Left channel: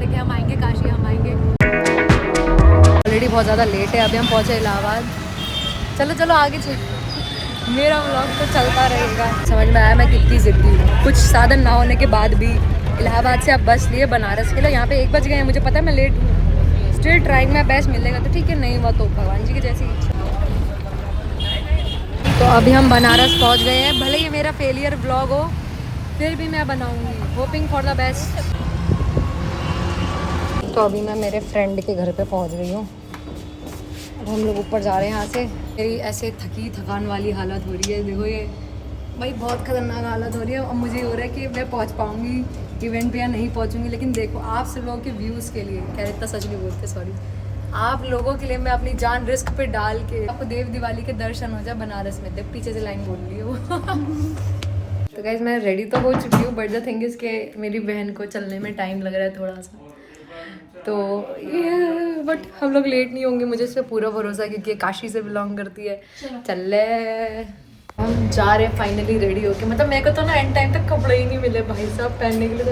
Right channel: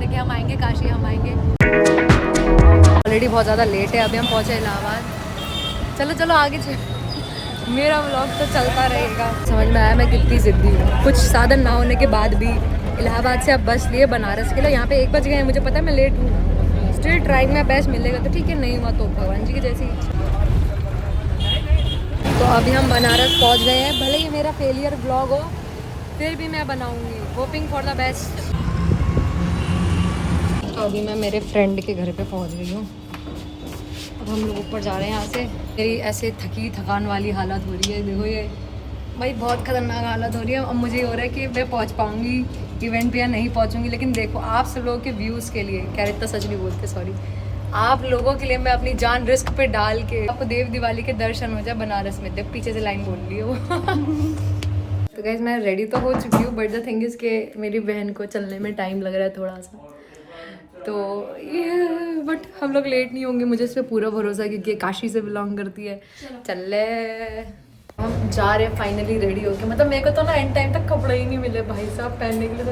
थे कि हम आएंगे काशी, हम आएंगे। ऑलरेडी बहुत ज़्यादा लेट है, अभी हम पहुँचे इलाहाबाद। चलो चलो आगे चल, मेरा व्लॉग तो चलता रहेगा। समझ में आया मैं कितनी ज़िद्दी हूँ। कुछ साधन ना होने के बाद भी इलाहाबाद से अब बस लिए बनारस के लिए। यहाँ पे 1 बज गए हैं, मुझे पता है मैं लेट हूँ। स्टिल ट्राइंग में बेस्ट मिलेगा तो ठीक है, नहीं हुआ तो भगवान जी की जैसी इच्छा। तो अभी हम बनारस पहुँच गए हैं। भले ही मेरा फेलियर व्लॉग हो, फिर भी मैं बनाऊँगी, होपिंग फॉर द बेस्ट। तो अभी मैं मेरे फ्रेंड के घर पे पहुँच गई हूँ। अब हम लोग ऊपर जा रहे हैं यहाँ से। मेरी ऐसे थकान वाली हालत हो रही है, देखो ये भाई बहुत खतरनाक हालत हो रही है। अब मुझे ये हो रहा है कि मैं पहुँच पाऊँगी इवेंट पे या नहीं पहुँचूँगी। लेकिन देखो आप सब लोगों के व्यूज़ के लिए, क्या इतना सच नहीं बोलते, सॉरी, आप लोगों के लिए मैं अपनी जान रिस्क पे डाल के आपको देव दिवाली के दर्शन हो जाए बनारस में। देख पीछे से लाइन बोल रही है वो। तो गाइस मैं रेडी तो हो चुकी हूँ, बट द थिंग इज़ के मेरी बहन को चलने में टाइम लग रहा है थोड़ा सा। तो ये बट हम लोग लेट नहीं होंगे, मुझे इस पर पूरा भरोसा है क्योंकि काशी से बिलोंग करती है। चल ले, हम जा रहे हैं फाइनली रेडी होके। मतलब मेरे को तो ना एंड टाइम तक कपड़े ही नहीं मिले भाई साहब पहनने के लिए। तो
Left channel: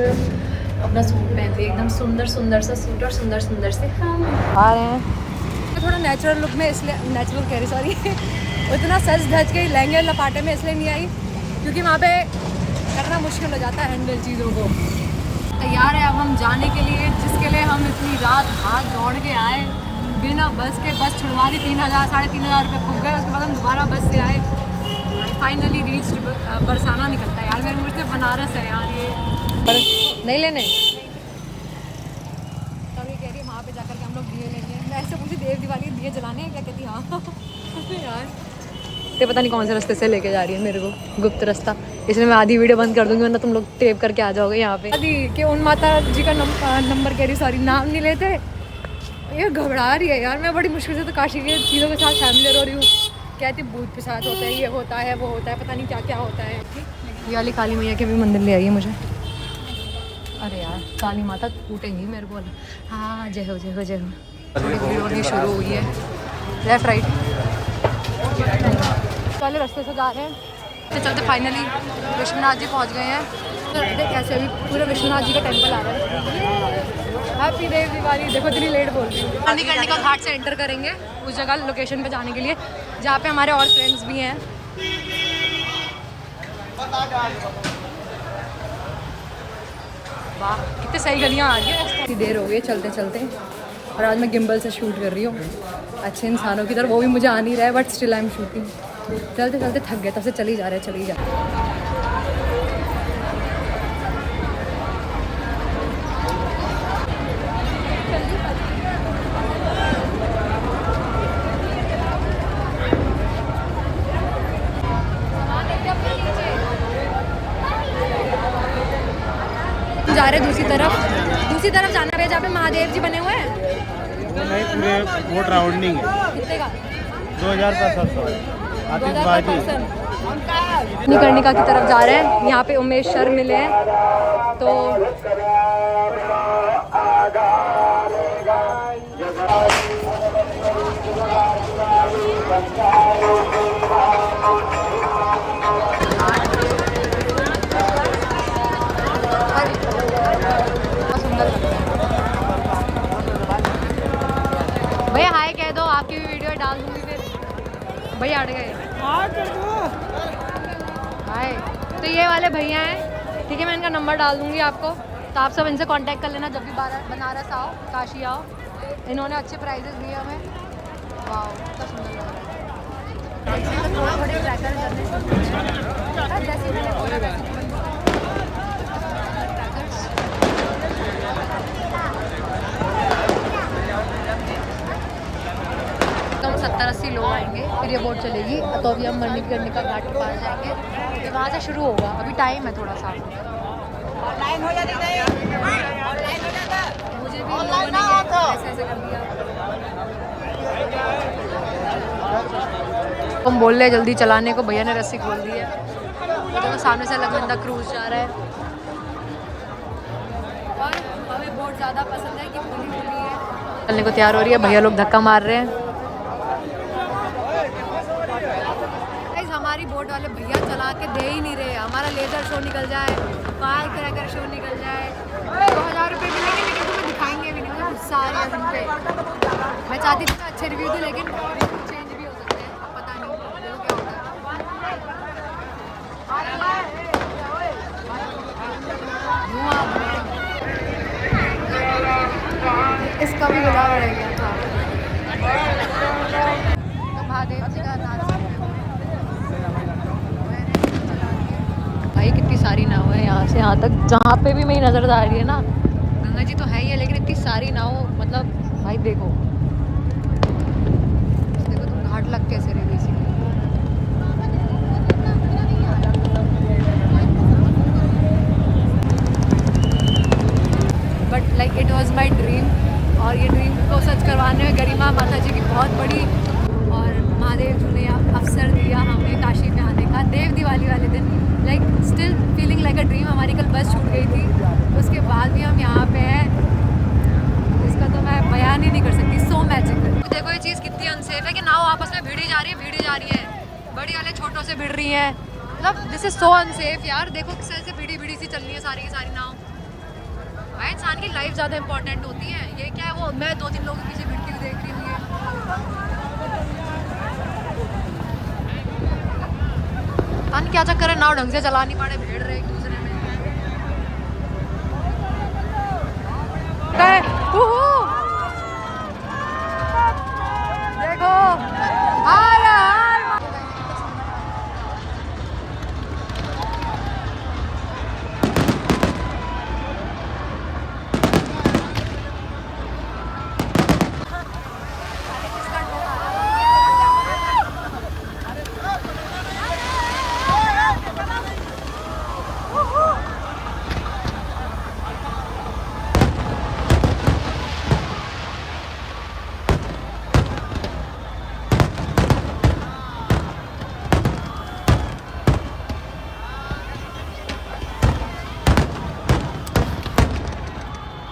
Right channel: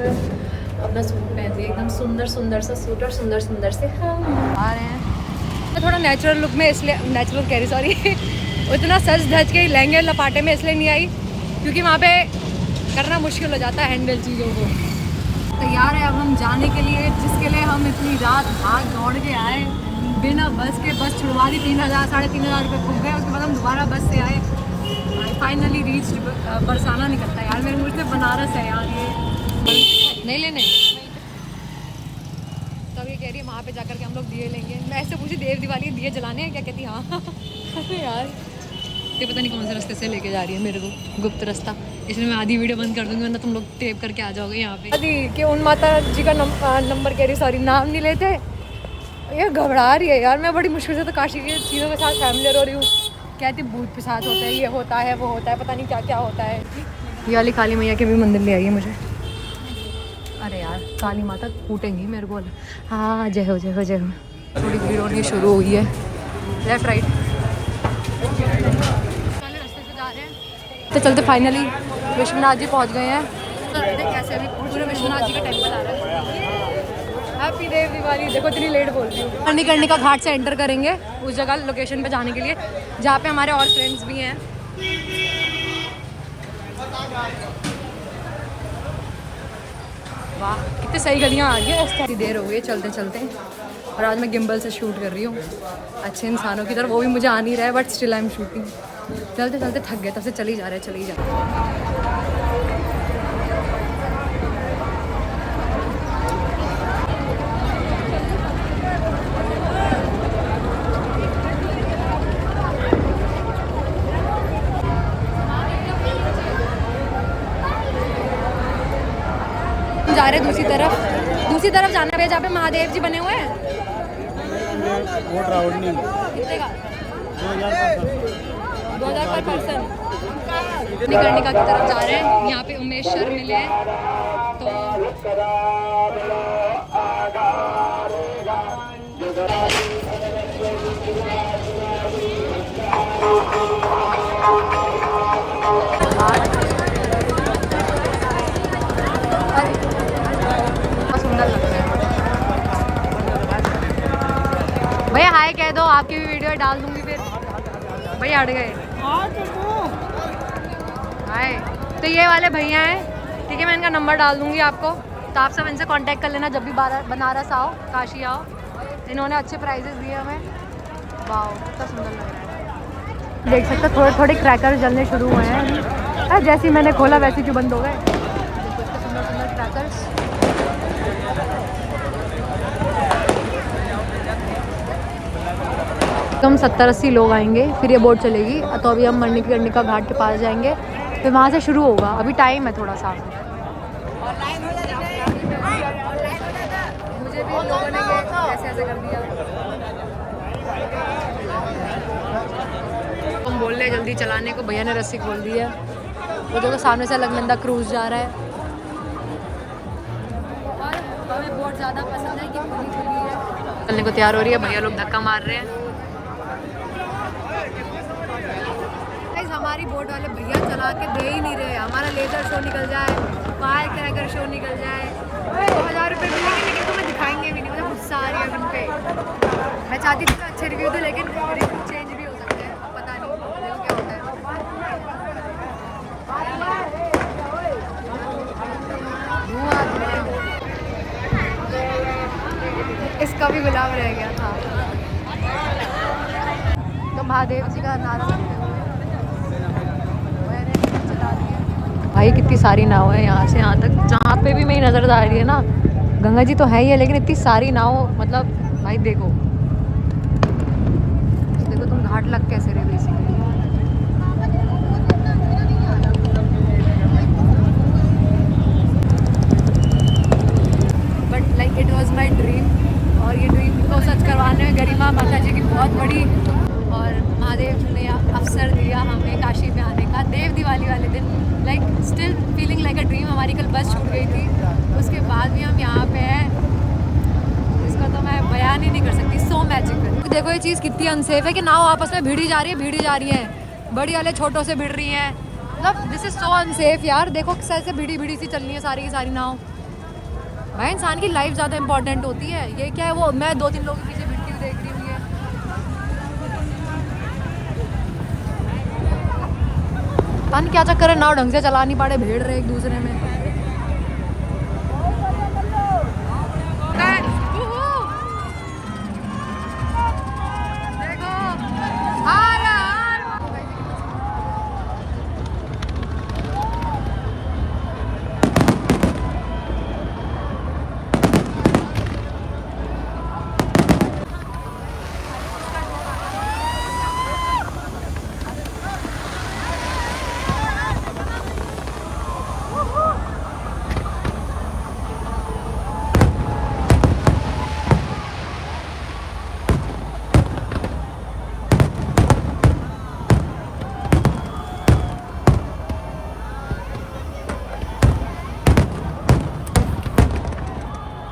अपना सूट पहनते एकदम सुंदर सुंदर सा सूट और सुंदर सुंदर से हम आ रहे हैं। मैं थोड़ा नेचुरल लुक में, इसलिए नेचुरल कह रही सॉरी उतना सज धज के लहंगे लपाटे में इसलिए नहीं आई क्योंकि वहाँ पे करना मुश्किल हो जाता है हैंडल चीज़ों को। तैयार है अब हम जाने के लिए, जिसके लिए हम इतनी रात भाग दौड़ के आए बिना बस के। बस छुड़वा दी, 3,000 साढ़े 3,000 रुपये फूक गए। उसके बाद हम दोबारा बस से आए, फाइनली रीच बरसाना निकलता है यार मेरे मुझसे। बनारस है यार ये, नहीं लेने तब ये कह रही है वहाँ पे जाकर के हम लोग दिए लेंगे। मैं ऐसे पूछी देव दिवाली दिए जलाने हैं क्या, कहती हाँ। यार ये पता नहीं कौन से रास्ते से लेके जा रही है मेरे को, गुप्त रास्ता। इसलिए मैं आधी वीडियो बंद कर दूंगी वरना तुम लोग टेप करके आ जाओगे यहाँ पे। आदि कि उन माता जी का नंबर कह रही, सॉरी नाम नहीं लेते। ये घबरा रही है यार, मैं बड़ी मुश्किल से तो काशी की चीज़ों के साथ फैमिली हो रही हूँ। कहती भूत पिशाच होता है, ये होता है वो होता है, पता नहीं क्या क्या होता है। ये वाली काली मैया के भी मंदिर ले आई है मुझे। अरे यार काली माता कूटेंगी मेरे को। हाँ जय हो जय हो जय हो। थोड़ी भीड़ होनी शुरू हुई है, लेफ्ट राइट वाले रास्ते से जा रहे हैं। तो चलते फाइनली विश्वनाथ जी पहुंच गए हैं। तो देख कैसे अभी पूरा विश्वनाथ जी का टेंपल आ रहा है। हैप्पी देव दिवाली। देखो इतनी लेट बोल रही हूँ। मणिकर्णिका घाट से एंटर करेंगे उस जगह लोकेशन पे जाने के लिए जहाँ पे हमारे और फ्रेंड्स भी हैं। वाह कितनी सही गलियाँ आ रही है। काफ़ी देर हो गई चलते चलते, और आज मैं गिम्बल से शूट कर रही हूँ अच्छे इंसानों की तरफ। वो भी मुझे आ नहीं रहा है but still I am shooting. चलते चलते थक गए, तब से चले ही जा रहे हैं, चले ही जा रहे हैं। जा रहे दूसरी तरफ जाना है जहाँ पे महादेव जी बने हुए हैं। नहीं पूरे बोट राउंडिंग है। कितने का? 2000 पर 2000 पर पर्सन। मणिकर्णिका की तरफ जा रहे हैं। यहाँ पे उमेश सर मिले हैं तो बहुत सुंदर लग रहा है। भैया हाय कह दो, आपकी भी वीडियो डाल दूंगी फिर। भैया हट गए। हाय। तो ये वाले भैया हैं, ठीक है मैं इनका नंबर डाल दूंगी आपको, तो आप सब इनसे कांटेक्ट कर लेना जब भी बनारस आओ, काशी आओ। इन्होंने अच्छे प्राइजेस दिए हमें। वाह कितना सुंदर लग रहा है। देख सकते थोड़े थोड़े क्रैकर्स जलने शुरू हुए हैं। अरे जैसे ही मैंने खोला वैसे ही बंद हो गए। सुंदर सुंदर क्रैकर्स। कम 70-80 लोग आएंगे, फिर ये बोट चलेगी। तो अभी हम मणिकर्णिका घाट के पास जाएंगे, फिर वहाँ से शुरू होगा। अभी टाइम है थोड़ा सा। मुझे भी लोगों ने ऐसे ऐसे कर दिया। हम बोल रहे हैं जल्दी चलाने को, भैया ने रस्सी खोल दी है। वो देखो सामने से अलकनंदा क्रूज जा रहा है। और हमें बोट ज़्यादा पसंद है कि खुली खुली है। चलने को तैयार हो रही है, भैया लोग धक्का मार रहे हैं। हमारी बोट वाले भैया चला के दे ही नहीं रहे। हमारा लेजर शो निकल जाए, फायर क्रैकर शो निकल जाए, 2000 रुपये मिलेंगे लेकिन तुम्हें दिखाएंगे भी नहीं। मुझे गुस्सा आ रही है उन पे। मैं चाहती थी मैं अच्छे रिव्यू दूँ लेकिन रिव्यू चेंज भी हो सकते हैं, अब पता नहीं देखो क्या होता है। धुआं धुआं, इसका भी गुलाब रह गया था। तो महादेव जी का नारा भाई, कितनी सारी नाव है यहाँ से यहाँ तक। जहाँ पे भी मेरी नज़र आ रही है ना, गंगा जी तो है ही है लेकिन इतनी सारी नाव, मतलब भाई देखो देखो तुम घाट लग कैसे रहे basically. But like it was my dream, और ये ड्रीम को सच करवाने में गरिमा माता जी की बहुत बड़ी, और महादेव जी ने अवसर दिया हमें काशी में आने का देव दिवाली वाले दिन। Like still feeling like a dream. हमारी कल बस छूट गई थी, उसके बाद भी हम यहाँ पे हैं, इसका तो मैं बयान ही नहीं कर सकती। So magical. देखो ये चीज़ कितनी अनसेफ है कि नाव आपस में भिड़ी जा रही है, बड़ी वाले छोटों से भिड़ रही हैं। मतलब दिस इज सो अनसेफ यार। देखो कैसे भिड़ी सी चल रही है सारी की सारी नाव। भाई इंसान की लाइफ ज़्यादा इंपॉर्टेंट होती है। ये क्या है, वो मैं 2-3 लोगों के पीछे भिड़ती हुई देख रही हूँ। पता नहीं क्या चक्कर है, नाव ढंग से चला नहीं पा रहे, भिड़ रहे एक दूसरे में। देखो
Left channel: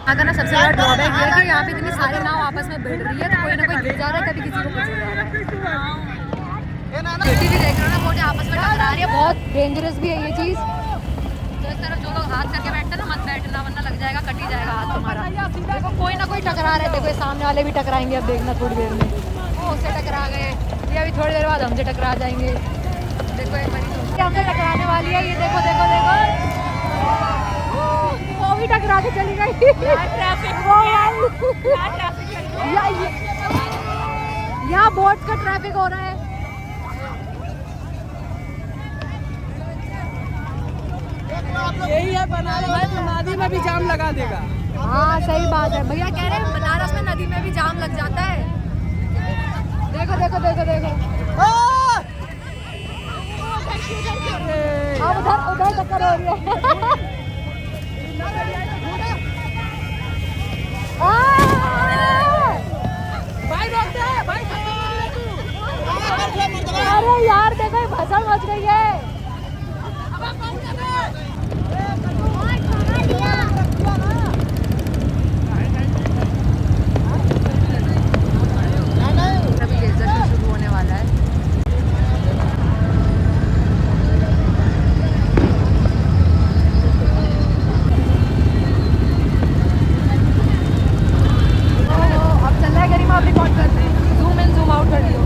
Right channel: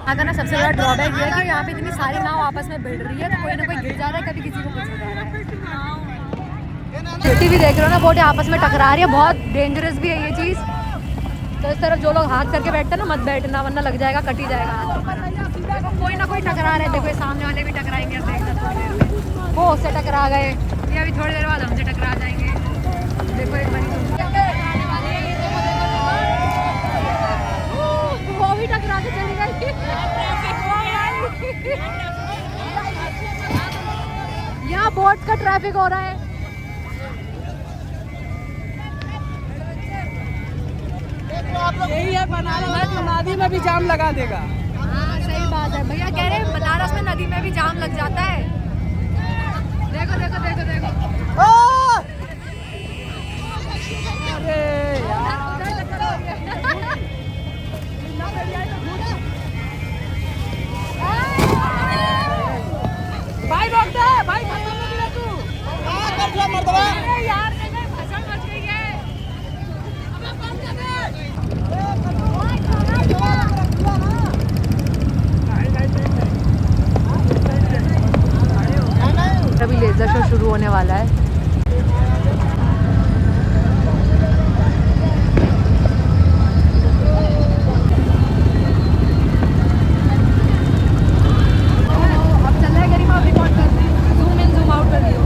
यहाँ का ना सबसे बड़ा ड्रॉबैक ये है कि यहाँ पे इतनी सारी नाव आपस में भिड़ रही है, तो कोई ना कोई गिर जा रहा है, कभी किसी को कुछ हो जा रहा है। सिटी भी देख रहे हो ना, बोट आपस में टकरा रही है, बहुत डेंजरस भी है ये चीज़। तो इस तरफ जो लोग हाथ करके बैठते हैं ना, मत बैठना वरना लग जाएगा, कट ही जाएगा हाथ तुम्हारा। कोई ना कोई टकरा रहा है, देखो सामने वाले भी टकराएंगे। अब देखना थोड़ी देर में वो उससे टकरा गए, ये अभी थोड़ी देर बाद हमसे टकरा जाएंगे। देखो एक बारी हमसे टकराने वाली है, ये देखो देखो देखो, वो भी टकरा के चली गई। यहाँ बोट का ट्रैफिक हो रहा है। यही है बनारस में, नदी में भी जाम लगा देगा। हाँ सही बात है, भैया कह रहे हैं बनारस में नदी में भी जाम लग जाता है। देखो देखो देखो देखो, उधर उधर टक्कर हो रही है। भाई रोक दे भाई, अरे यार देखो भसड़ मच गई है। अभी लेजर शो शुरू होने वाला है। अब चल रहा है गरिमा, रिकॉर्ड कर रहे हैं, जूम इन जूम आउट कर दियो।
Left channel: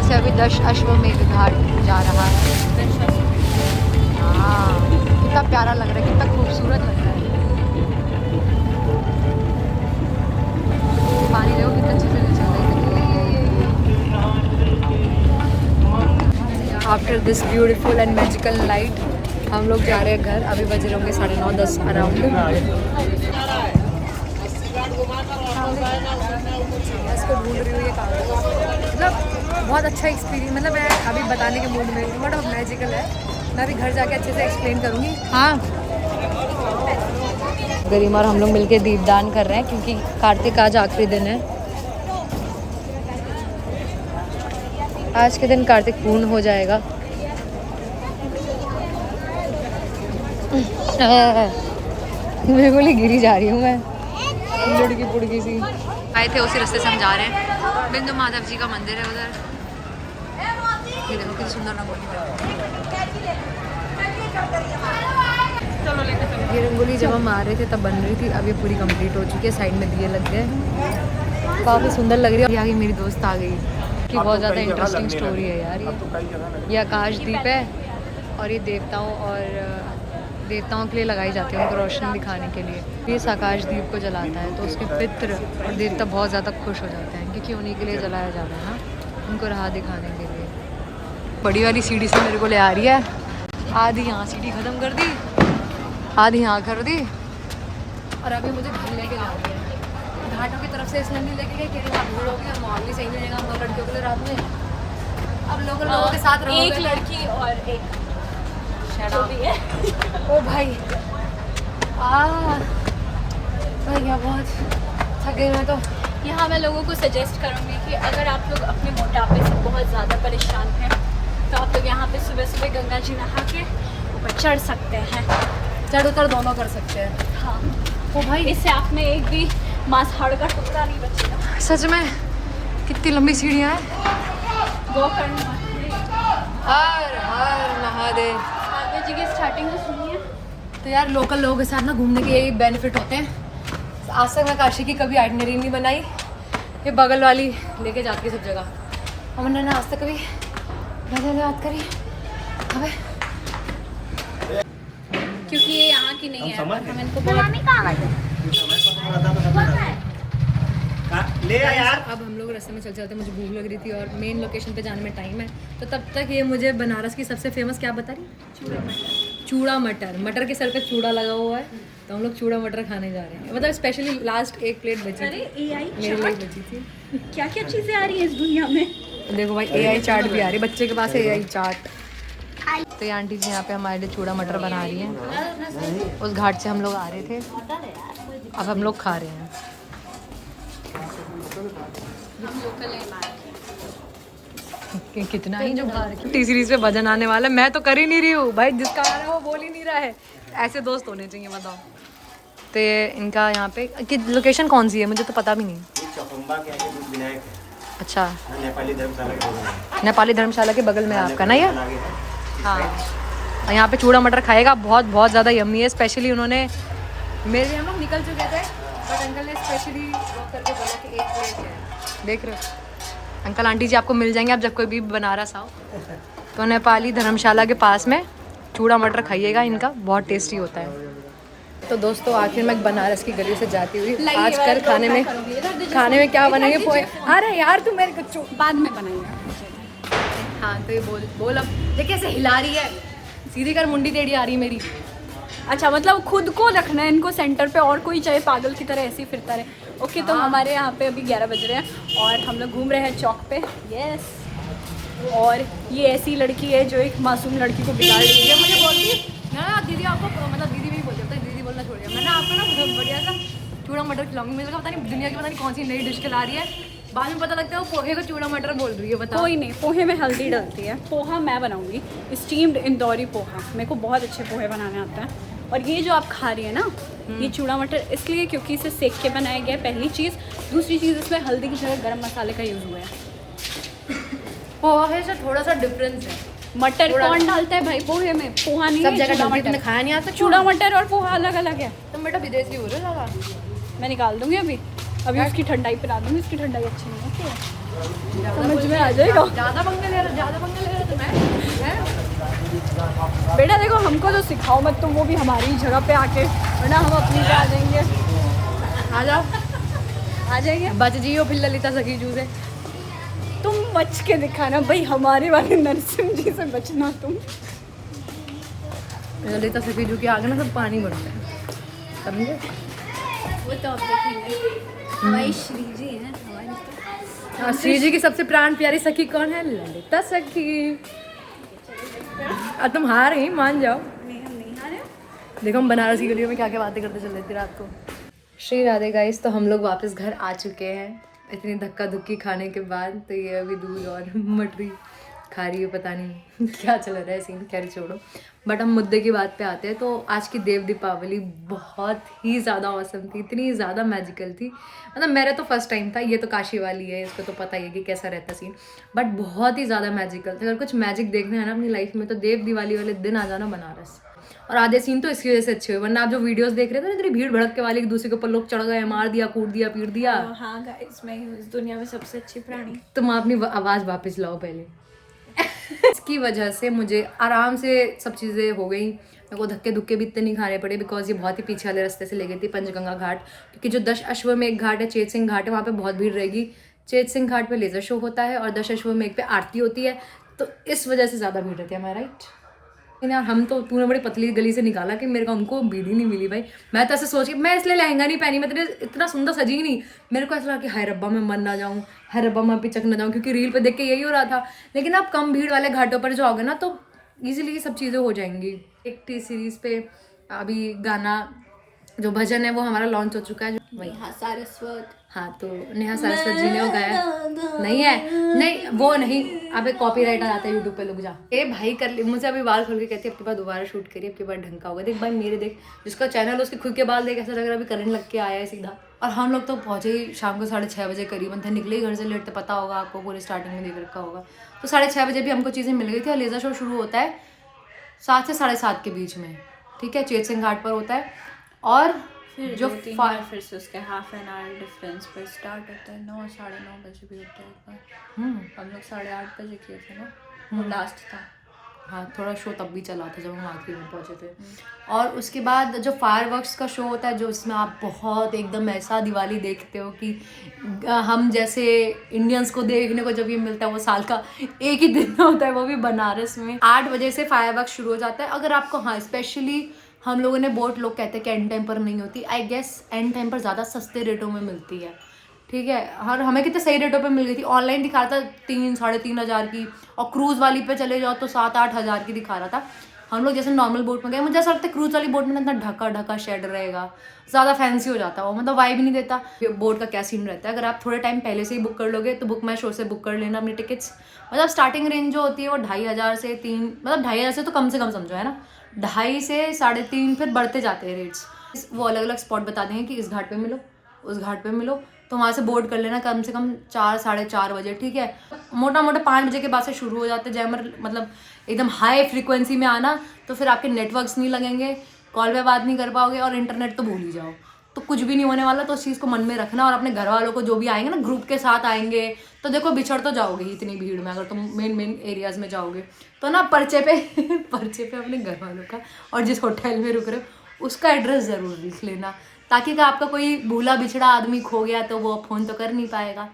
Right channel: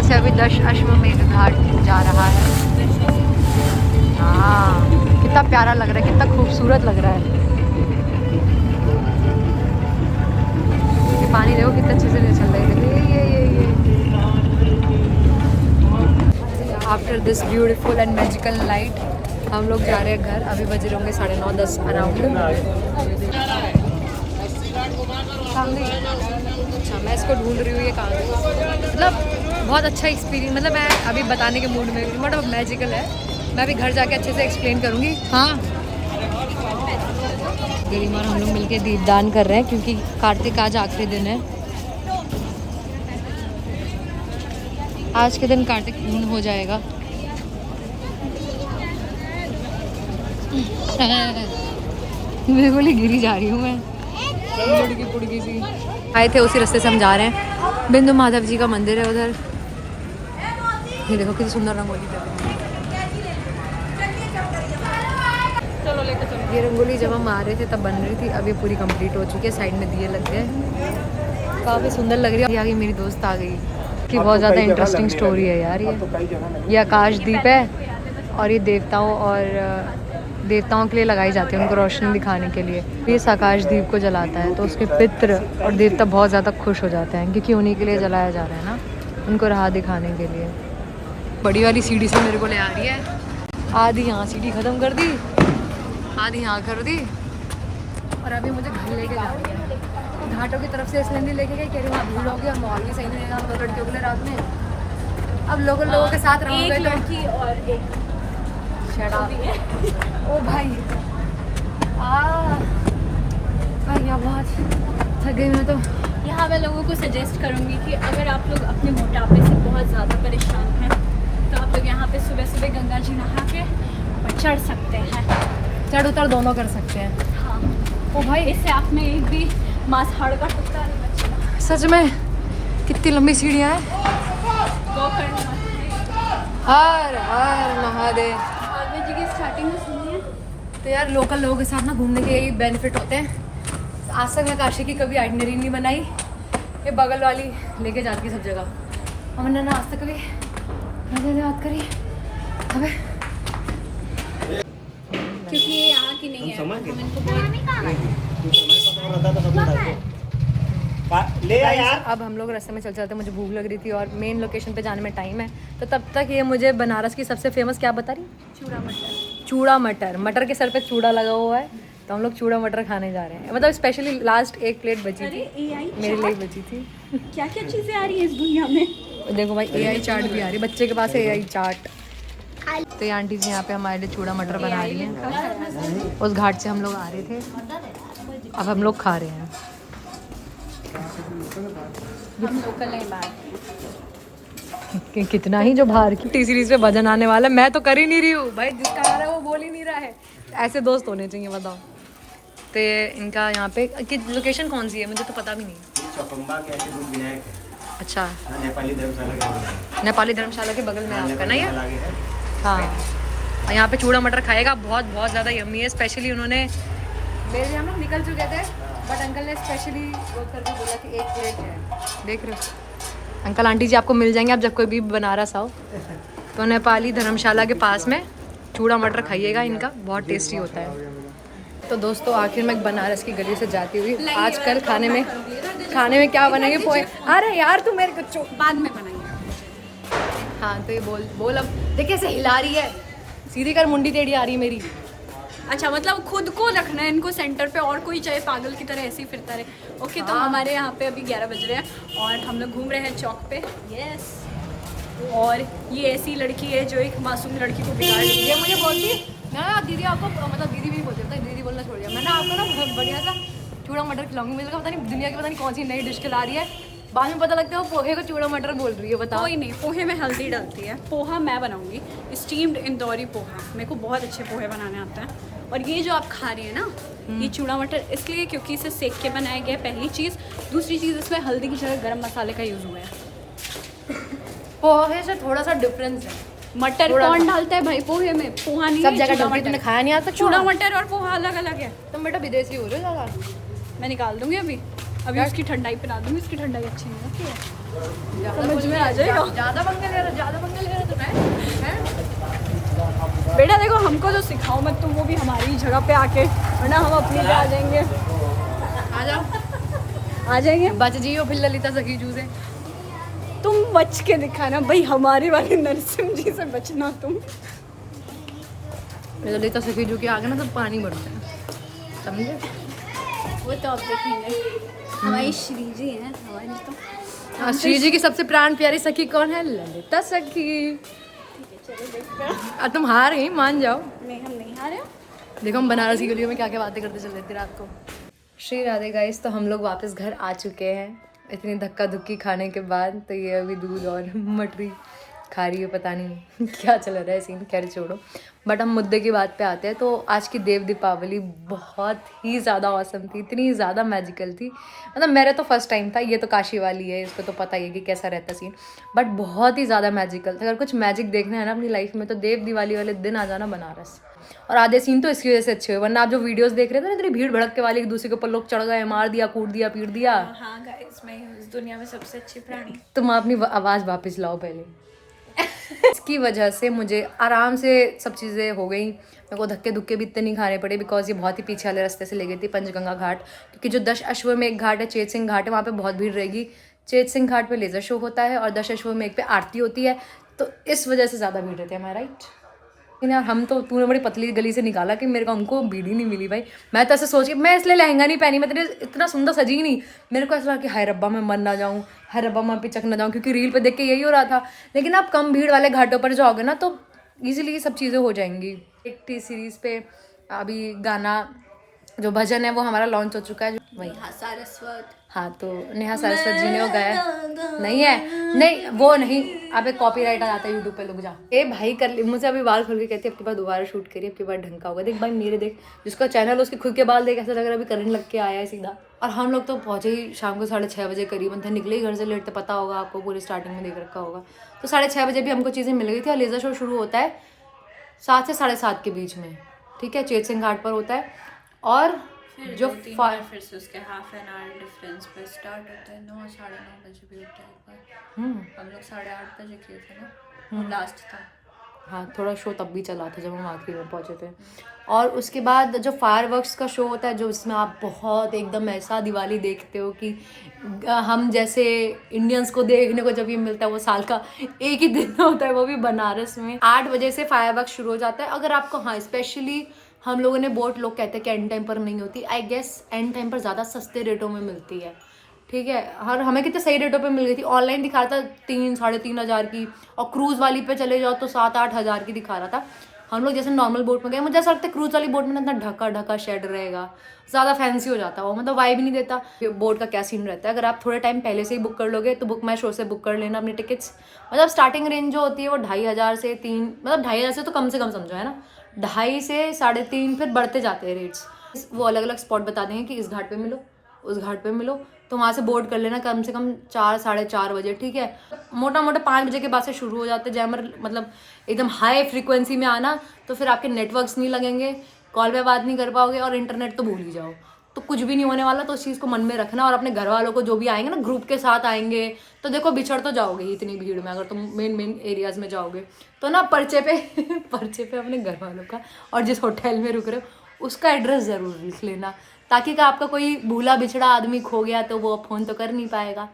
से अभी दशाश्वमेध घाट जा रहा है। हाँ कितना प्यारा लग रहा है, कितना खूबसूरत लग रहा है। ये पानी देखो कितना अच्छे से चल रहा है। ये after this beautiful and magical night हम लोग जा रहे हैं घर। अभी बज रहे होंगे 9:30-10 अराउंड। मैं इसको ढूंढ रही हूँ, ये कहाँ है। मतलब बहुत अच्छा एक्सपीरियंस, मतलब मैं अभी बताने के मूड में हूँ, बट मैजिकल है। मैं अभी घर जाके अच्छे से एक्सप्लेन करूँगी। हाँ गरिमा और हम लोग मिलके दीपदान कर रहे हैं क्योंकि कार्तिक आज आखिरी दिन है। आज के दिन कार्तिक पूर्ण हो जाएगा। बिल्कुल ही गिरी जा रही हूँ मैं, लुड़की पुड़की सी। आए थे उसी रास्ते से हम जा रहे हैं। बिंदु माधव जी का मंदिर है उधर। ये देखो कितनी सुंदर रंगोली है। ये रंगोली जब हम आ रहे थे तब बन रही थी, अब ये पूरी कंप्लीट हो चुकी है। साइड में दिए लग गए, काफ़ी सुंदर लग रही है। आगे मेरी दोस्त आ गई कि बहुत ज़्यादा इंटरेस्टिंग स्टोरी है यार। ये आकाशदीप है और ये देवताओं के लिए लगाई जाती है, उनको रोशनी दिखाने के लिए। ये इस आकाशदीप को जलाता है तो उसके पितृ और देवता बहुत ज़्यादा खुश हो जाते हैं, क्योंकि उन्हीं के लिए जलाया जा रहा है ना, उनको राह दिखाने के लिए। बड़ी वाली सीढ़ी से मेरे को ले आ रही है, आधी यहाँ सीढ़ी ख़त्म कर दी, आधी यहाँ कर दी, और अभी मुझे घर लेके जा रही है घाटों की तरफ से। इसलिए नहीं लेके गई, कह रही वहाँ भीड़ होगी और माहौल भी सही नहीं रहेगा हम 2 लड़कियों के लिए रात में। अब लोगों के साथ रहोगे, एक लड़की और एक ओ भाई भैया बहुत थक गई मैं तो। यहाँ मैं लोगों को सजेस्ट करूँगी कि अगर आप लोग अपने मोटापे से बहुत ज़्यादा परेशान हैं तो आप लोग यहाँ पे सुबह सुबह गंगा जी नहा के ऊपर चढ़ सकते हैं। चढ़ उतर दोनों कर सकते हैं। हाँ, ओ भाई इससे आपने एक भी मांस हाड़ का टुकड़ा नहीं बचेगा। सच में कितनी लंबी सीढ़ियाँ हैं। गो करने मत हर हर महादेव। और जी की स्टार्टिंग में सुनिए तो यार लोकल लोगों के साथ ना घूमने के यही बेनिफिट होते हैं। आज तक मैं काशी की कभी आइटनरी नहीं बनाई, ये बगल वाली लेके जाती है सब जगह, और मैंने आज तक कभी मैंने बात करी अबे, क्योंकि ये यहाँ की नहीं है। हम इनको ले आ यार। अब हम लोग रास्ते में चल चलते, मुझे भूख लग रही थी और मेन लोकेशन पे जाने में टाइम है, तो तब तक ये मुझे बनारस की सबसे फेमस क्या बता रही, चूड़ा मटर। मटर के सर पे चूड़ा लगा हुआ है, तो हम लोग चूड़ा मटर खाने जा रहे हैं। मतलब स्पेशली लास्ट एक प्लेट बची थी, मेरे लिए बची थी। क्या क्या चीज़ें आ रही है इस दुनिया में। देखो भाई AI चाट भी आ रही है, बच्चे के पास है AI चाट। तो ये आंटी जी यहाँ पे हमारे लिए चूड़ा मटर बना रही हैं। उस घाट से हम लोग आ रहे थे, अब हम लोग खा रहे हैं। कितना ही जो बाहर की तीसरी से वजन आने वाला है। मैं तो कर ही नहीं रही हूँ भाई, जिसका आ रहा है वो बोल ही नहीं रहा है। ऐसे दोस्त होने चाहिए, बताओ। तो ये इनका यहाँ पे कि लोकेशन कौन सी है मुझे तो पता भी नहीं। अच्छा, नेपाली धर्मशाला के बगल में आपका ना ये। हाँ, और यहाँ पे चूड़ा मटर खाएगा, बहुत बहुत ज़्यादा यम्मी है। स्पेशली उन्होंने मेरे हम लोग निकल चुके थे, बट अंकल ने स्पेशली रोक करके बोला कि 1 प्लेट है। देख रहे हो अंकल आंटी जी आपको मिल जाएंगे आप जब कोई भी बनारस आओ तो नेपाली धर्मशाला के पास में चूड़ा मटर खाइएगा, इनका बहुत टेस्टी होता है। तो दोस्तों आखिर मैं बनारस की गली से जाती हुई आज कल खाने में क्या बनेंगे, पोहे। अरे यार तू मेरे को बाद में बनाएंगे। हाँ तो ये बोल अब देखिए ऐसे हिला रही है, सीधी कर मुंडी टेढ़ी आ रही है मेरी। अच्छा, मतलब खुद को रखना है इनको सेंटर पे, और कोई चाहे पागल की तरह ऐसे ही फिरता रहे। ओके, तो हमारे यहाँ पे अभी 11 बज रहे हैं और हम लोग घूम रहे हैं चौक पे। यस, और ये ऐसी लड़की है जो एक मासूम लड़की को बिगाड़ रही है। मुझे बोलती ना दीदी आपको, मतलब दीदी नहीं बोलती, दीदी बोलना छोड़ दिया मैंने। आपको ना बहुत बढ़िया सा चूड़ा मटर खिलाऊंगी। मुझे पता नहीं दुनिया की पता नहीं कौन सी नई डिश खिला रही है, बाद में पता लगता है वो पोहे को चूड़ा मटर बोल रही है। बताओ। कोई नहीं, पोहे में हल्दी डलती है। पोहा मैं बनाऊंगी, स्टीम्ड इंदौरी पोहा। मेरे को बहुत अच्छे पोहे बनाने आते हैं। और ये जो आप खा रही है ना, ये चूड़ा मटर इसलिए क्योंकि इसे सेक के बनाया गया है, पहली चीज़। दूसरी चीज़, इसमें हल्दी की जगह गरम मसाले का यूज़ हुआ है। पोहे से थोड़ा सा डिफरेंस है। मटर कौन डालता है भाई पोहे में? पोहा नहीं सब है, जगह चूड़ा तुमने मटर। खाया नहीं आता। चूड़ा मटर और पोहा अलग अलग है। तुम बेटा विदेशी हो रहे ज़्यादा। मैं निकाल दूंगी अभी उसकी ठंडाई पिला दूंगी। इसकी ठंडाई अच्छी नहीं होती है, समझ में आ जाएगा। ज़्यादा पंगे ले रहे हो तुम्हें। बेटा देखो, हमको जो सिखाओ मत तुम, वो भी हमारी जगह पे आके, वरना हम अपनी पे आ जाएंगे। आ जाओ, आ जाएंगे। बच जियो फिर ललिता सखी जू से। तुम बच के दिखाना भाई, हमारे वाले नरसिंह जी से बचना तुम। ललिता सखी जू के आगे ना सब पानी भरता है, समझे। वो तो अब देखेंगे। हमारी श्री जी है हमारी तो। हाँ, श्री जी की सबसे प्राण प्यारी सखी कौन है? ललिता सखी। और तुम हार गई, मान जाओ। नहीं हारे। देखो हम बनारस की गलियों में क्या क्या बातें करते चल रहे थे रात को। श्री राधे गाइस, तो हम लोग वापस घर आ चुके हैं इतनी धक्का धुक्की खाने के बाद। तो ये अभी दूध और मटरी खा रही है, पता नहीं क्या चल रहा है सीन, खैर छोड़ो। बट हम मुद्दे की बात पे आते हैं। तो आज की देव दीपावली बहुत ही ज़्यादा औसम थी, इतनी ज़्यादा मैजिकल थी। मतलब मेरा तो फर्स्ट टाइम था, ये तो काशी वाली है, इसको तो पता ही है कि कैसा रहता सीन, बट बहुत ही ज़्यादा मैजिकल था। अगर कुछ मैजिक देखना है ना अपनी लाइफ में तो देव दिवाली वाले दिन आ जाना बनारस। और आधे सीन तो इसी वजह से अच्छे हुए, वरना आप जो वीडियोस देख रहे थे ना इतनी भीड़ भड़क के वाली, एक दूसरे के ऊपर लोग चढ़ गए, मार दिया, कूट दिया, पीट दिया। हाँ गाइस, मैं हूँ इस दुनिया में सबसे अच्छी प्राणी। तुम अपनी आवाज़ वापस लाओ पहले। इसकी वजह से मुझे आराम से सब चीज़ें हो गई, मेरे को धक्के धुक्के भी इतने नहीं खाने पड़े, बिकॉज ये बहुत ही पीछे वाले रास्ते से ले गई थी पंचगंगा घाट, क्योंकि जो 10 अश्व में एक घाट है चेत सिंह घाट है, वहाँ पे बहुत भीड़ रहेगी। चेत सिंह घाट पे लेज़र शो होता है और 10 अश्व में एक पे आरती होती है, तो इस वजह से ज़्यादा भीड़ रहती है। हमारा राइट यार, हम तो तूने बड़ी पतली गली से निकाला कि मेरे को उनको भीड़ ही नहीं मिली भाई। मैं तो ऐसे सोच के, मैं इसलिए लहंगा नहीं पहनी, मैं इतना सुंदर सजी नहीं, मेरे को ऐसा लगा कि हाय रब्बा मैं मर ना जाऊँ, हाय रब्बा मैं पिचक ना जाऊँ, क्योंकि रील पे देख के यही हो रहा था। लेकिन आप कम भीड़ वाले घाटों पर जाओगे ना तो ईजिली ये सब चीज़ें हो जाएंगी। एक टी सीरीज़ पे अभी गाना जो भजन है वो हमारा लॉन्च हो चुका है, वही सारस्वत। हाँ, तो नेहा सरस्वत जी ने वो गाया नहीं है, नहीं वो नहीं, अबे कॉपीराइट आ जाता है यूट्यूब पे, लोग जा। ए भाई कर ली, मुझे अभी बाल खोल के कहती है अब के बाद दोबारा शूट करिए, अब के बाद ढंग का होगा। देख भाई मेरे, देख जिसका चैनल उसके खुद के बाल देख ऐसा लग रहा है अभी करंट लग के आया है सीधा। और हम लोग तो पहुंचे ही शाम को 6:30 बजे करीबन थे, निकले ही घर से लेट, तो पता होगा आपको, पूरी स्टार्टिंग में देख रखा होगा। तो 6:30 बजे भी हमको चीज़ें मिल गई थी। और लेज़र शो शुरू होता है 7 से 7:30 के बीच में, ठीक है, चेत सिंह घाट पर होता है। और जो फिर से उसके हाफ एन आवर डिफरेंस पर स्टार्ट होता है, 9 साढ़े 9 बजे भी होता है एक बार। हम लोग 8:30 बजे किए थे ना, वो लास्ट था। हाँ, थोड़ा शो तब भी चला था जब हम आखिर में पहुँचे थे। और उसके बाद जो फायरवर्क्स का शो होता है, जो इसमें आप बहुत एकदम ऐसा दिवाली देखते हो कि हम जैसे इंडियंस को देखने को जब ये मिलता है, वो साल का एक ही दिन होता है, वो भी बनारस में। 8 बजे से फायरवर्क्स शुरू हो जाता है। अगर आपको, हाँ स्पेशली हम लोगों ने बोट, लोग कहते हैं कि एंड टाइम पर नहीं होती, आई गेस एंड टाइम पर ज़्यादा सस्ते रेटों में मिलती है, ठीक है। और हमें कितने सही रेटों पे मिल गई थी, ऑनलाइन दिखा रहा था 3 साढ़े 3 हज़ार की, और क्रूज़ वाली पे चले जाओ तो 7-8 हज़ार की दिखा रहा था। हम लोग जैसे नॉर्मल बोट में गए, मुझे ऐसा लगता है क्रूज़ वाली बोट में ना इतना ढका शेड रहेगा, ज़्यादा फैंसी हो जाता है वो, मतलब वाइब ही नहीं देता। बोट का क्या सीन रहता है, अगर आप थोड़े टाइम पहले से ही बुक कर लोगे तो बुक माई शो से बुक कर लेना अपनी टिकट्स। मतलब स्टार्टिंग रेंज जो होती है वो 2,500 से 3, मतलब 2,500 से तो कम से कम समझो, है ना, 2.5 से 3.5 फिर बढ़ते जाते हैं रेट्स। वो अलग अलग स्पॉट बता देंगे कि इस घाट पे मिलो, उस घाट पे मिलो, तो वहाँ से बोर्ड कर लेना कम से कम 4 साढ़े 4 बजे, ठीक है। मोटा मोटा 5 बजे के बाद से शुरू हो जाते हैं जैमर, मतलब एकदम हाई फ्रीक्वेंसी में आना, तो फिर आपके नेटवर्क्स नहीं लगेंगे, कॉल पे बात नहीं कर पाओगे, और इंटरनेट तो भूल ही जाओ, तो कुछ भी नहीं होने वाला। तो उस चीज़ को मन में रखना, और अपने घर वालों को जो भी आएंगे ना ग्रुप के साथ आएंगे, तो देखो बिछड़ तो जाओगे इतनी भीड़ में, अगर तुम मेन एरियाज़ में जाओगे तो ना पर्चे पे अपने घर वालों का और जिस होटल में रुक रहे हो उसका एड्रेस ज़रूर लिख लेना, ताकि का आपका कोई भूला बिछड़ा आदमी खो गया तो वो फ़ोन तो कर नहीं पाएगा,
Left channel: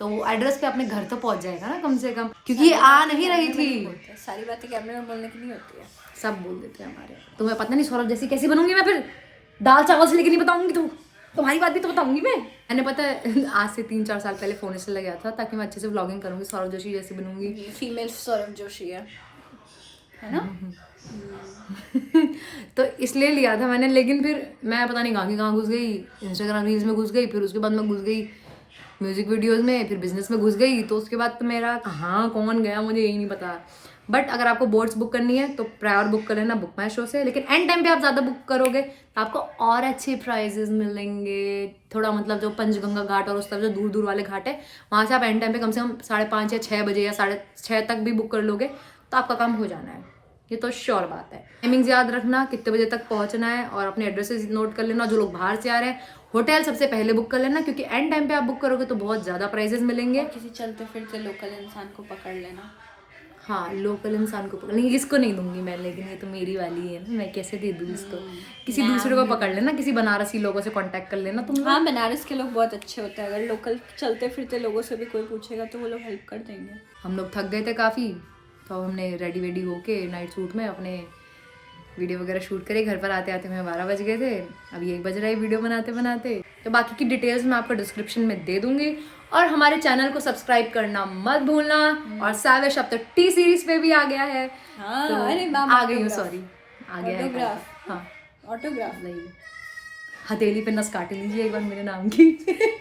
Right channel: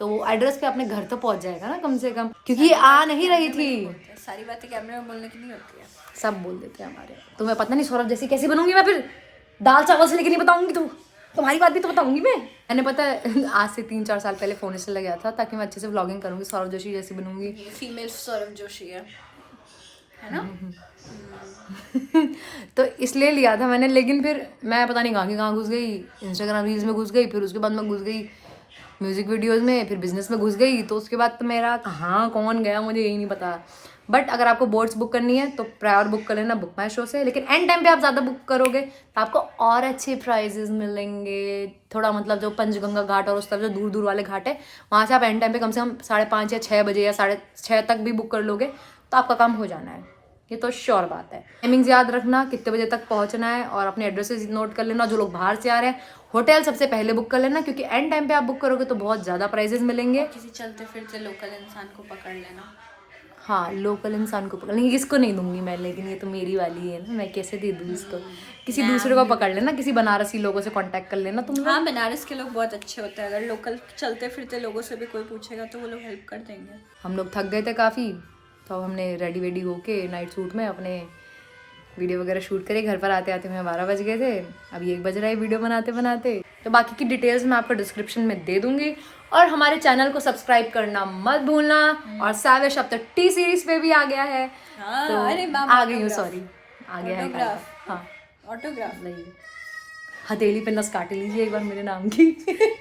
तो वो एड्रेस पे अपने घर तो पहुंच जाएगा ना कम से कम, क्योंकि आ नहीं रही थी। सारी बातें कैमरे में बोलने की नहीं होती है, सब बोल देते हैं हमारे। तुम्हें पता नहीं सौरभ जैसी कैसी बनूंगी मैं, फिर दाल चावल से लेके नहीं बताऊंगी, तुम्हारी बात भी तो बताऊंगी मैंने पता है आज से 3-4 साल पहले फोन इसलिए लगाया था ताकि मैं अच्छे से व्लॉगिंग करूंगी, सौरभ जोशी जैसी बनूंगी। फीमेल सौरभ जोशी है ना। तो इसलिए लिया था मैंने, लेकिन फिर मैं पता नहीं कहाँ घुस गई, इंस्टाग्राम रील्स में घुस गई, फिर उसके बाद मैं घुस गई म्यूज़िक वीडियोज़ में, फिर बिजनेस में घुस गई, तो उसके बाद तो मेरा कहाँ कौन गया मुझे यही नहीं पता। बट अगर आपको बोट्स बुक करनी है तो प्रायर बुक कर लेना बुक माई शो से, लेकिन एंड टाइम पे आप ज़्यादा बुक करोगे तो आपको और अच्छे प्राइजेस मिलेंगे। थोड़ा मतलब जो पंचगंगा घाट और उस तरफ जो दूर दूर वाले घाट है वहाँ से आप एंड टाइम पे कम से कम 5:30 या 6 बजे या 6:30 तक भी बुक कर लोगे तो आपका काम हो जाना है, ये तो श्योर बात है। टाइमिंग्स याद रखना, कितने बजे तक पहुँचना है, और अपने एड्रेसेस नोट कर लेना। जो लोग बाहर से आ रहे हैं होटल सबसे पहले बुक कर लेना, क्योंकि एंड टाइम पे आप बुक करोगे तो बहुत ज़्यादा प्राइजेस मिलेंगे। किसी चलते फिरते लोकल इंसान को पकड़ लेना। हाँ, लोकल इंसान को पकड़ लेंगे, इसको नहीं दूंगी मैं, लेकिन ये तो मेरी वाली है ना, मैं कैसे दे दूँ इसको। किसी दूसरे को पकड़ लेना, किसी बनारसी लोगों से कांटेक्ट कर लेना तुम। हाँ, बनारस के लोग बहुत अच्छे होते हैं, अगर लोकल चलते फिरते लोगों से भी कोई पूछेगा तो वो लोग हेल्प कर देंगे। हम लोग थक गए थे काफ़ी, तो अब हमने रेडी होके नाइट सूट में अपने वीडियो वगैरह शूट करे। घर पर आते आते हमें 12 बज गए थे, अब 1 बज रहा है वीडियो बनाते बनाते। तो बाकी की डिटेल्स मैं आपको डिस्क्रिप्शन में दे दूंगी, और हमारे चैनल को सब्सक्राइब करना मत भूलना। और साविश अब तक टी सीरीज पे भी आ गया है। हाँ, तो अरे आ गई हूँ, सॉरी आ गया है। हाँ, ऑटोग्राफ नहीं, हथेली पे नस काट लीजिए एक बार मेरे नाम की।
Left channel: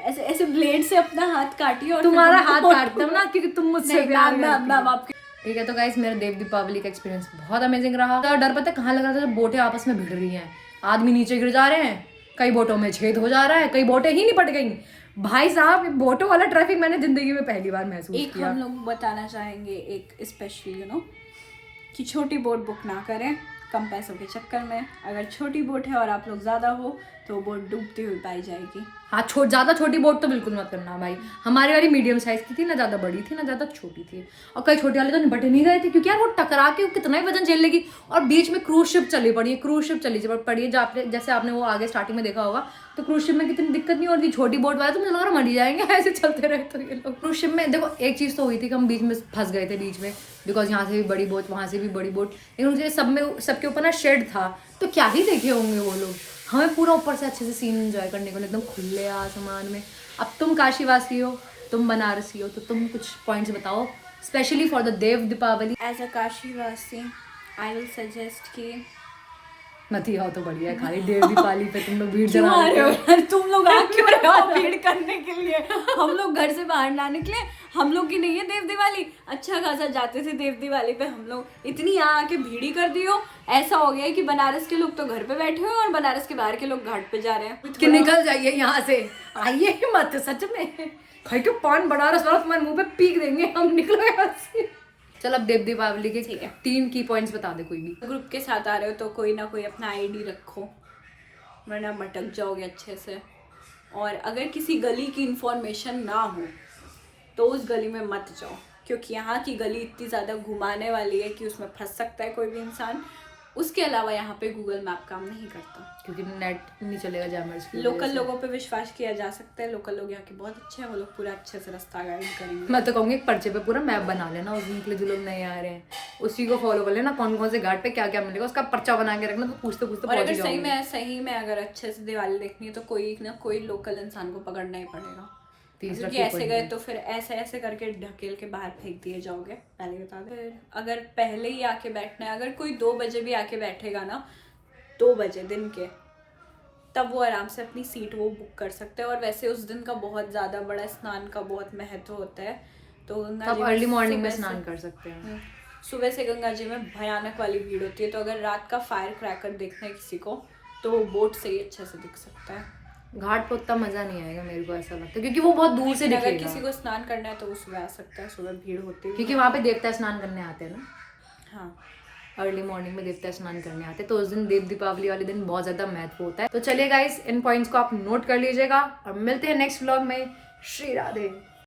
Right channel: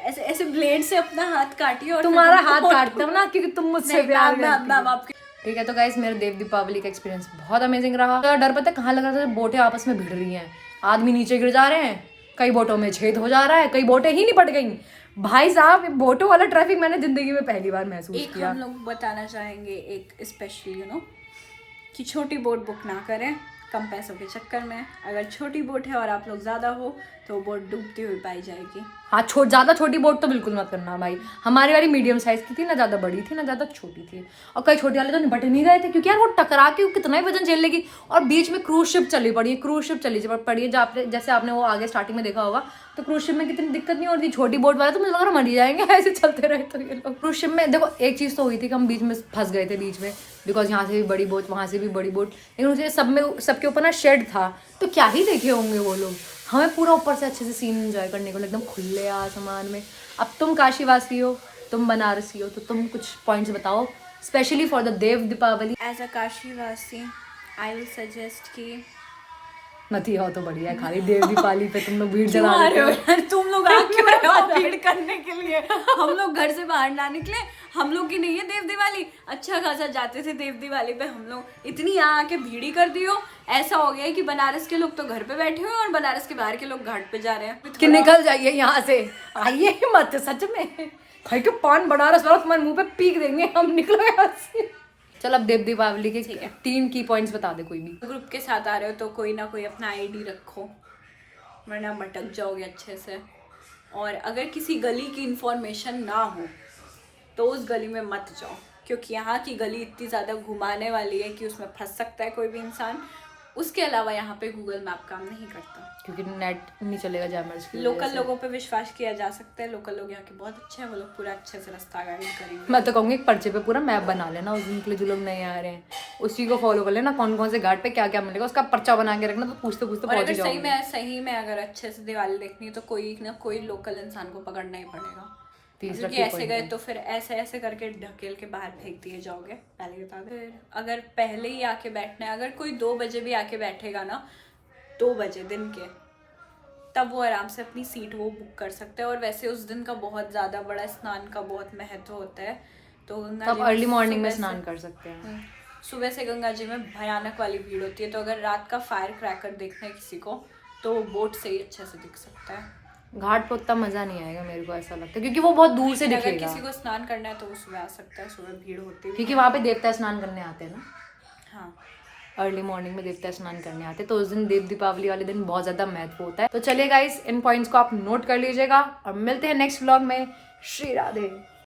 ऐसे ऐसे ब्लेड से अपना हाथ काटिए और तुम्हारा हाथ काटता हूँ ना, क्योंकि तुम मुझसे प्यार करती हो। आपके। ठीक है, तो गाइस मेरा देव दीपावली का एक्सपीरियंस बहुत अमेजिंग रहा। तो डर पता कहाँ लगा था, जब बोटें आपस में भिड़ रही हैं, आदमी नीचे गिर जा रहे हैं, कई बोटों में छेद हो जा रहा है, कई बोटें ही निपट गई, भाई साहब बोटो वाला ट्रैफिक मैंने जिंदगी में पहली बार महसूस एक किया। हम लोग बताना चाहेंगे एक स्पेशली कि छोटी बोट बुक ना करें कम पैसों के चक्कर में। अगर छोटी बोट है और आप लोग ज़्यादा हो तो वो बोट डूबती हुई पाई जाएगी। हाँ, ज़्यादा छोटी बोट तो बिल्कुल मत करना भाई। हमारी वाली मीडियम साइज की थी, ना ज़्यादा बड़ी थी ना ज़्यादा छोटी थी। और कई छोटे वाले तो निपट नहीं गए थे क्योंकि यार वो टकरा के कितना ही वजन झेल लेगी। और बीच में क्रूज शिप चली पड़ी है, जैसे आपने वो आगे स्टार्टिंग में देखा होगा। तो क्रूज शिप में कितनी दिक्कत नहीं होती, छोटी बोट वाले तो मुझे लग रहा मर जाएंगे ऐसे चलते रहे तो ये लोग। क्रूज शिप में देखो एक चीज़ तो हुई थी कि हम बीच में फंस गए थे बीच में, बिकॉज यहाँ से भी बड़ी बोट वहाँ से भी बड़ी बोट, लेकिन मुझे सबके ऊपर ना शेड था तो क्या ही देखे होंगे वो लोग। हमें पूरा ऊपर से अच्छे से सीन एंजॉय करने को एकदम खुले आसमान में। अब तुम काशीवासी हो, तुम बनारसी हो, तो तुम कुछ पॉइंट्स बताओ specially for the Dev Deepawali. As a काशीवासी आई विल सजेस्ट कि नथी हो तो बढ़िया है, खाली देव दीपावली पे तुम लोग भीड़ क्यों जमा आ रहे हो देते यार, तुम लोग आ क्यों रहे हो भीड़ करने के लिए? हम लोग घर से बाहर ना निकले, हम लोग की नहीं है देव दिवाली। अच्छा खासा जाते थे देव दिवाली पे, हम लोग इतनी यहाँ आके भीड़ ही कर दी हो। ऐसा हो गया है कि बनारस के लोग तो घर पे बैठे हो और बनारस के बाहर के लोग घाट पे जा रहे हैं। कि निकल जाइए यहाँ से, आइए ही मत सच में। भाई तो पान बनारस वाला तुम्हारे मुंह पे पीक देंगे हम, निकलो यहाँ से। चल अब देव दीपावली के ठीक है। 3 की पॉइंट्स बता दे कोई भी। ग्रुप के साथ आ रहे हो तो कोई ना कोई अपना आईडी रखो, वरना भटक जाओगे अच्छे से। और अगर किसी गली की इंफॉर्मेशन ना हो तो उस गली में मत जाओ, क्योंकि यहाँ की गली इतनी ज़्यादा घुमाने वाली है कि उसमें फंस सकता है कोई भी इंसान। उसके अलावा यहाँ पे गूगल मैप काम नहीं करता, क्योंकि नेट नहीं चलेगा जैमर्स की वजह लोकल से। लोगों पे विश्वास किया जा सकता है। लोकल लोग यहाँ के बहुत अच्छे हैं, वो लोग पूरा अच्छे से रास्ता गाइड करेंगे। मैं तो कहूँगी एक पर्चे पे पूरा मैप बना लेना उस दिन के लिए, जो लोग नहीं आ रहे हैं उसी को फॉलो कर लेना, कौन कौन से घाट पे क्या क्या मिलेगा उसका पर्चा बना के रखना, तो पूछते पूछते और पहुंच अगर जाओगे। सही में अगर अच्छे से दिवाली देखनी है तो कोई ना कोई लोकल इंसान को पकड़ना ही पड़ेगा, तीसरा क्योंकि key ऐसे point गए है। तो फिर ऐसे करके ढकेल के बाहर फेंक दिए जाओगे, पहले बता दे। फिर अगर पहले ही आके बैठना है, अगर कोई 2 बजे भी आके बैठेगा ना, 2 बजे दिन के, तब वो आराम से अपनी सीट वो बुक कर सकते हैं। और वैसे उस दिन का बहुत ज़्यादा बड़ा स्नान का बहुत महत्व होता है, तो गंगा जी आप अर्ली मॉर्निंग में सुबह स्नान से- कर सकते हैं। सुबह से गंगा जी में भयानक वाली भीड़ होती है, तो अगर रात का फायर क्रैकर देखना है किसी को तो वो बोट से ही अच्छे से दिख सकता है। घाट पे उतना मजा नहीं आएगा मेरे को ऐसा लगता है, क्योंकि वो बहुत दूर से लेकिन अगर दिखेगा। किसी को स्नान करना है तो वो सुबह आ सकता है, सुबह भीड़ होती है। क्योंकि वहाँ पे देवता स्नान करने आते हैं ना, हाँ, अर्ली मॉर्निंग में देवता स्नान करने आते हैं, तो उस दिन देव दीपावली वाले दिन बहुत ज़्यादा महत्व होता है। तो चलिए गाइस, इन पॉइंट्स को आप नोट कर लीजिएगा और मिलते हैं नेक्स्ट व्लॉग में। श्री राधे।